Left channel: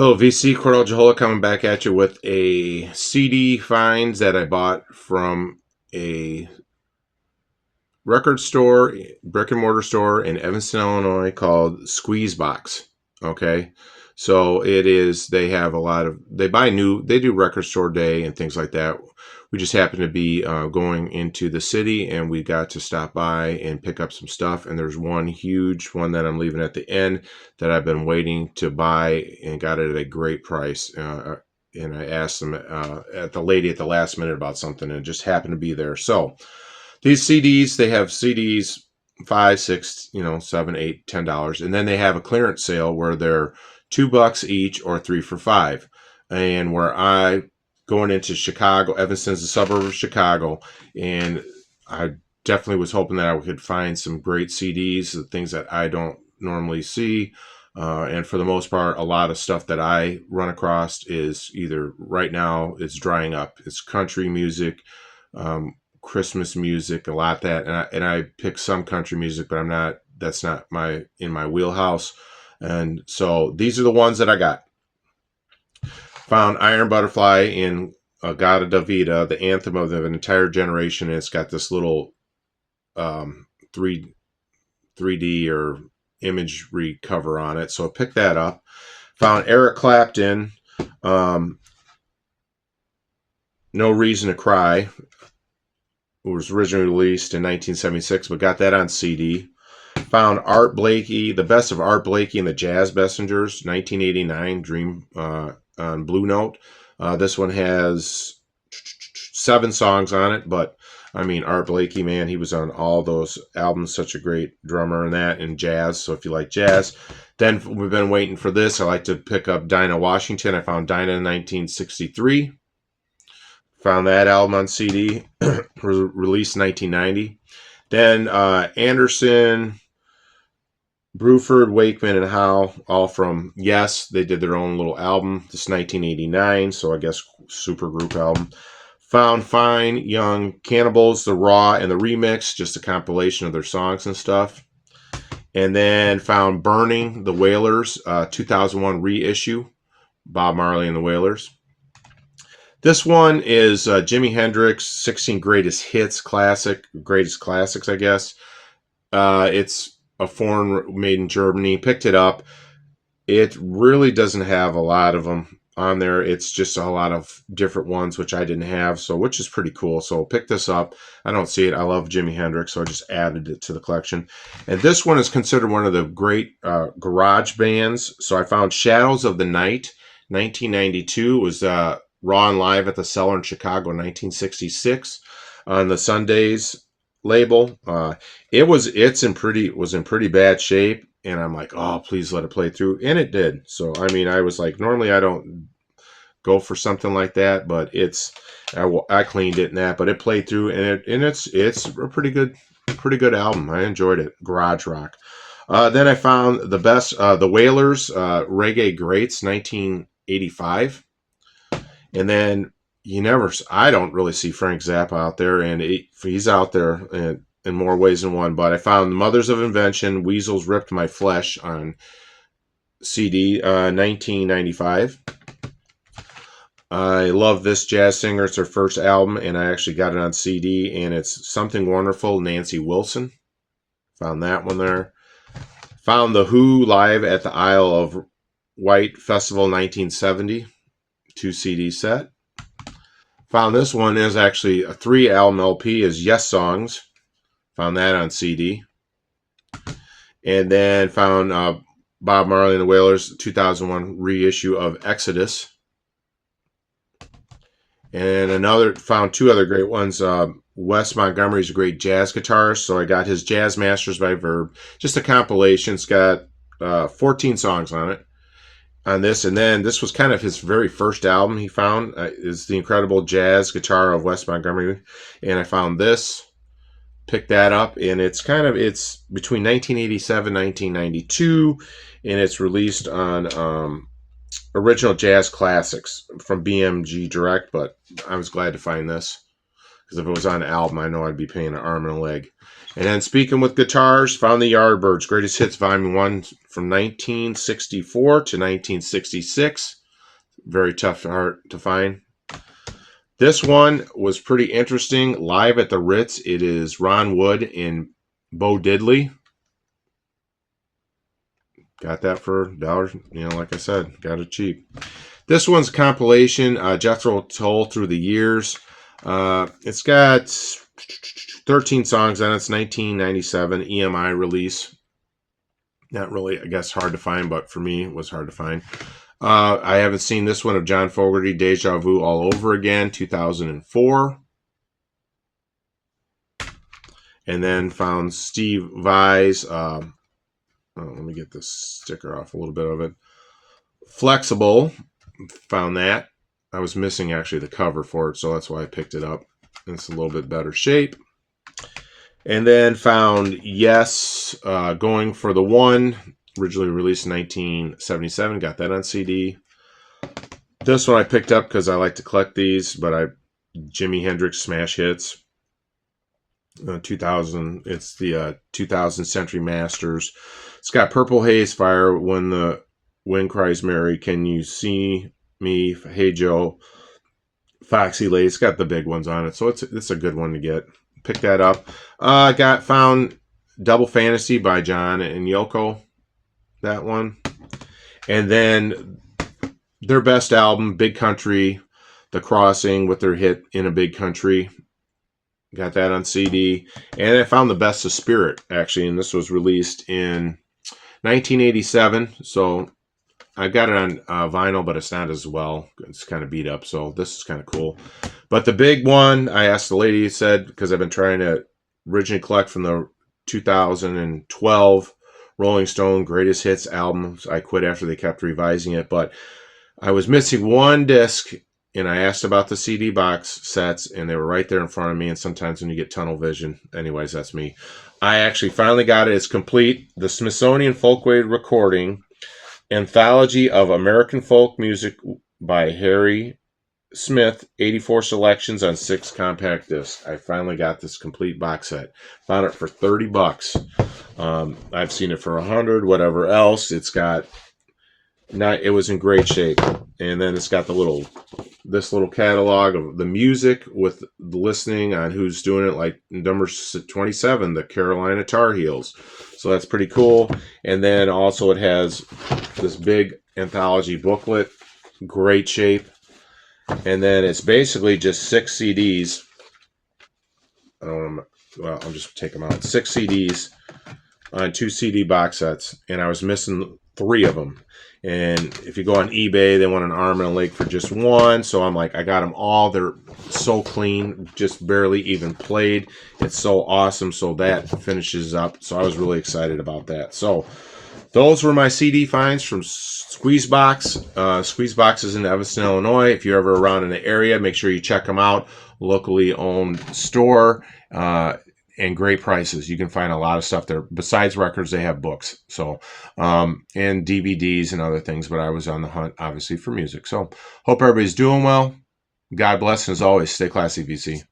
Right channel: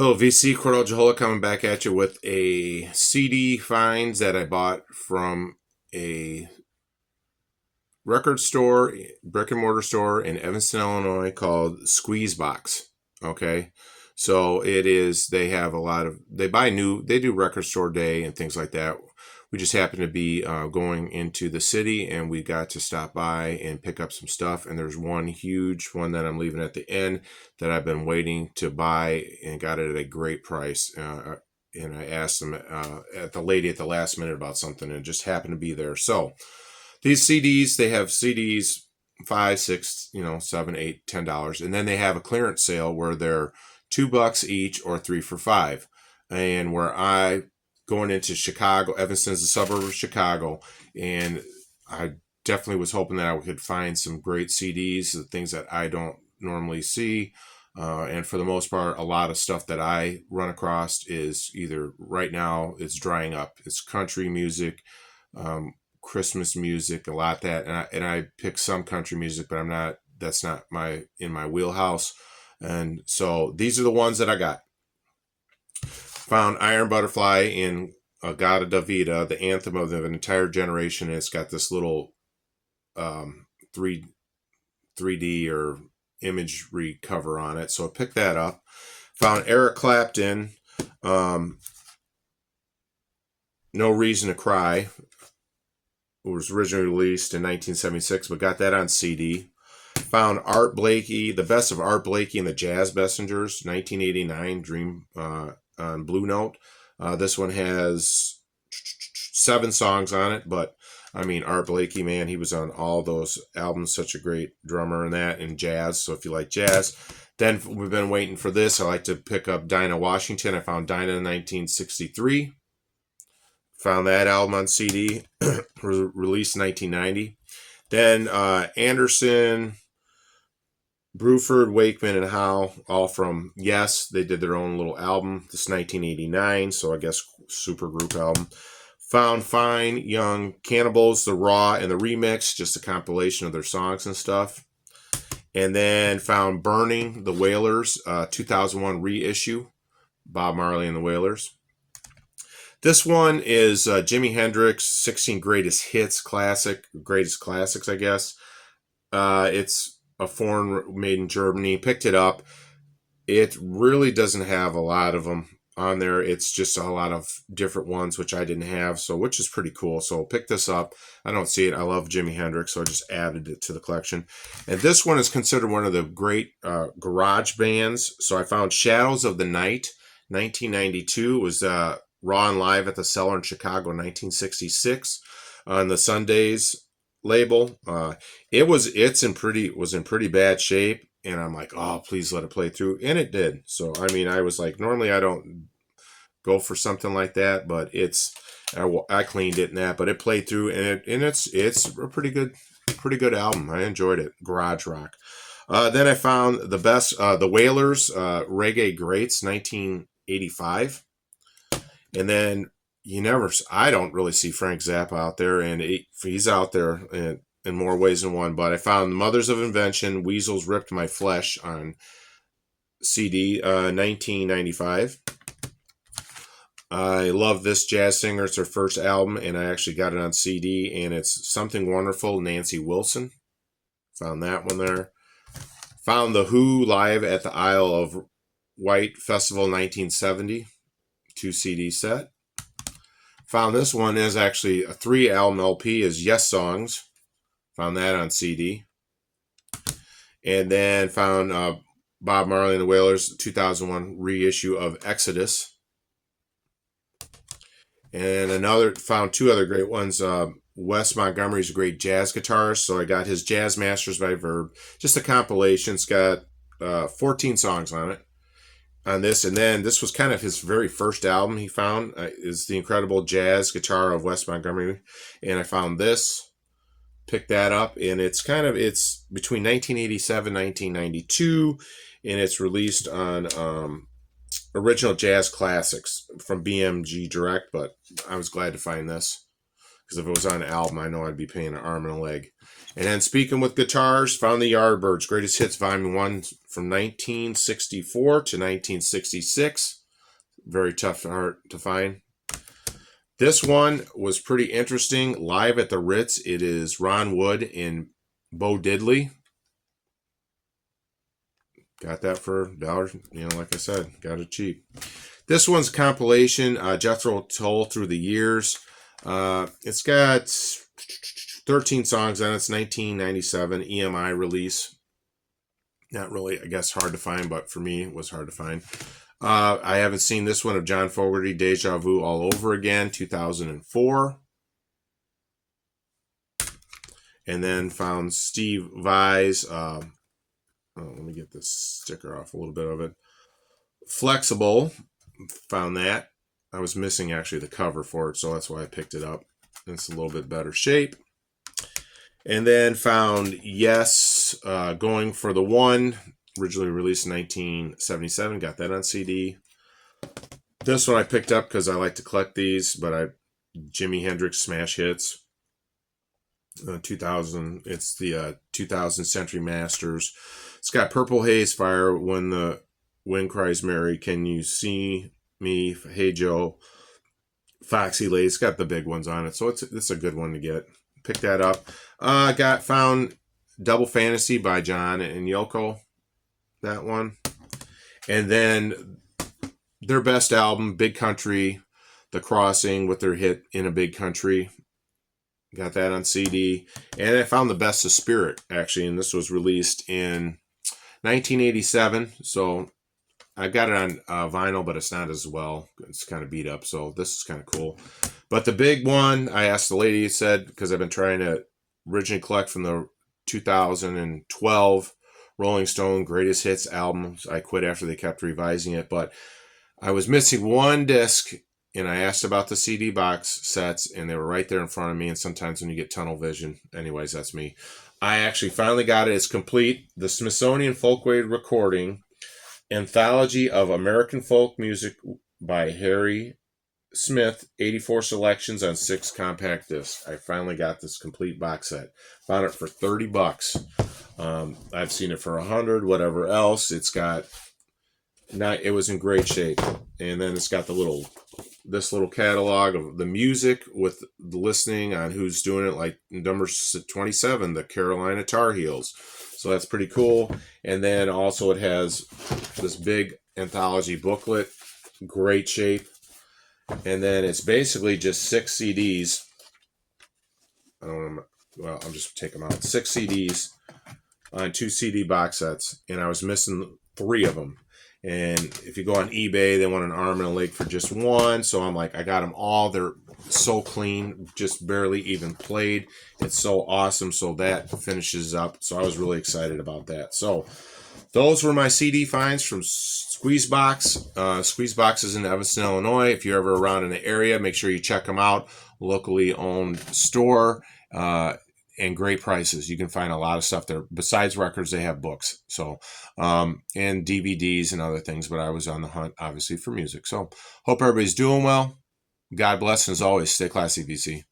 Hello, VC Cordell Jehola coming back at you with a CD finds that I bought from a record store, brick and mortar store in Evanston, Illinois called Squeezebox. Okay. So it is, they have a lot of, they buy new, they do record store day and things like that. We just happened to be going into the city and we got to stop by and pick up some stuff. And there's one huge one that I'm leaving at the end that I've been waiting to buy and got it at a great price. And I asked them at the lady at the last minute about something and it just happened to be there. So these CDs, they have CDs $5, $6, $7, $8, $10, and then they have a clearance sale where they're $2 each or 3 for $5. And where I going into Chicago, Evanston's a suburb of Chicago, and I definitely was hoping that I could find some great CDs, the things that I don't normally see. And for the most part, a lot of stuff that I run across is either right now it's drying up. It's country music, Christmas music, a lot of that, and I pick some country music, but that's not in my wheelhouse. And so these are the ones that I got. Found Iron Butterfly in Agata Davida, the anthem of an entire generation. And it's got this little 3D or imagery cover on it. So I picked that up. Found Eric Clapton, No Reason to Cry. It was originally released in 1976, but got that on CD. Found Art Blakey, The Best of Art Blakey and the Jazz Messengers, 1989, Dream on Blue Note. This one has 7 songs on it, but I mean, Art Blakey, man, he was on all those albums, such a great drummer in that, and jazz. So if you like jazz, then we've been waiting for this. I like to pick up Dinah Washington. I found Dinah in 1963. Found that album on CD, released 1990. Then Anderson, Bruford, Wakeman, and Howe, all from Yes. They did their own little album. This is 1989, so I guess super group album. Found Fine Young Cannibals, the Raw and the Remix, just a compilation of their songs and stuff. And then found Burning, the Wailers, 2001 reissue, Bob Marley and the Wailers. This one is Jimi Hendrix, 16 Greatest Hits Classic, Greatest Classics, I guess. It's a foreign made in Germany. Picked it up. It really doesn't have a lot of them on there. It's just a lot of different ones, which I didn't have, so which is pretty cool. So pick this up. I don't see it. I love Jimi Hendrix, so I just added it to the collection. And this one is considered one of the great garage bands. So I found Shadows of the Night, 1992. It was Raw and Live at the Cellar in Chicago in 1966 on the Sundays label. It was in pretty bad shape, and I'm like, oh, please let it play through, and it did. So I mean, I was like, normally I don't go for something like that, but I cleaned it and that, but it played through, and it's a pretty good album. I enjoyed it. Garage rock. Then I found the best, the Wailers, Reggae Greats, 1985. And then I don't really see Frank Zappa out there, and he's out there in more ways than one. But I found Mothers of Invention, Weasels Ripped My Flesh on CD, 1995. I love this jazz singer. It's her first album, and I actually got it on CD, and it's Something Wonderful, Nancy Wilson. Found that one there. Found The Who live at the Isle of Wight Festival, 1970. 2 CD set. Found this one is actually a 3 album LP, is Yes Songs. Found that on CD. And then found Bob Marley and the Wailers 2001 reissue of Exodus. And found 2 other great ones. Wes Montgomery's a great jazz guitarist, so I got his Jazz Masters by Verve. Just a compilation. It's got 14 songs on it. On this, and then this was kind of his very first album he found, is The Incredible Jazz Guitar of Wes Montgomery, and I found this, picked that up, and it's between 1987 1992, and it's released on Original Jazz Classics from BMG Direct, but I was glad to find this, because if it was on an album, I know I'd be paying an arm and a leg. And then speaking with guitars, found the Yardbirds Greatest Hits Volume 1 from 1964 to 1966. Very tough art to find. This one was pretty interesting. Live at the Ritz. It is Ron Wood and Bo Diddley. Got that for $1. Like I said, got it cheap. This one's a compilation. Jethro Tull Through the Years. It's got 13 songs on it. It's 1997 EMI release. Not really, I guess, hard to find, but for me, it was hard to find. I haven't seen this one of John Fogerty, Deja Vu All Over Again, 2004. And then found Steve Vai's, let me get this sticker off a little bit of it. Flexible, found that. I was missing actually the cover for it, so that's why I picked it up. It's a little bit better shape. And then found Yes, Going for the One, originally released in 1977. Got that on CD. This one I picked up because I like to collect these, but Jimi Hendrix Smash Hits. 2000. It's the 2000 Century Masters. It's got Purple Haze, Fire, When the Wind Cries Mary, Can You See Me, Hey Joe, Foxy Lady. It's got the big ones on it, so it's a good one to get. Pick that up. Found Double Fantasy by John and Yoko. That one. And then their best album, Big Country, The Crossing, with their hit In a Big Country. Got that on CD. And I found The Best of Spirit, actually, and this was released in 1987. So I got it on vinyl, but it's not as well. It's kind of beat up, so this is kind of cool. But the big one, I asked the lady, said, because I've been trying to originally collect from the 2012 Rolling Stone Greatest Hits albums. I quit after they kept revising it, but I was missing one disc, and I asked about the CD box sets, and they were right there in front of me, and sometimes when you get tunnel vision, anyways, that's me. I actually finally got it. It's complete. The Smithsonian Folkways Recording Anthology of American Folk Music by Harry Smith, 84 selections on 6 compact discs. I finally got this complete box set. Found it for $30. I've seen it for 100, whatever else. It was in great shape. And then it's got this little catalog of the music with the listening on who's doing it, like number 27, the Carolina Tar Heels. So that's pretty cool. And then also it has this big anthology booklet, great shape. And then it's basically just 6 CDs. I'll just take them out. 6 CDs on 2 CD box sets. And I was missing 3 of them. And if you go on eBay, they want an arm and a leg for just 1. So I'm like, I got them all. They're so clean, just barely even played. It's so awesome. So that finishes up. So I was really excited about that. So those were my CD finds from Squeezebox. Squeezebox is in Evanston, Illinois. If you're ever around in the area, make sure you check them out. Locally owned store. And great prices. You can find a lot of stuff there. Besides records, they have books. So, and DVDs and other things. But I was on the hunt, obviously, for music. So, hope everybody's doing well. God bless. And as always, stay classy, VC.